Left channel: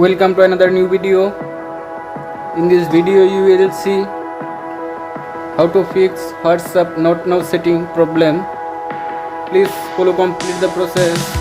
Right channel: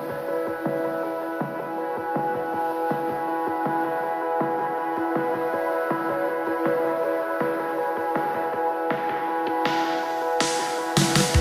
Welcome to another new video. In this video you will see how to fix WhatsApp not now setting problem. Please follow complete the process.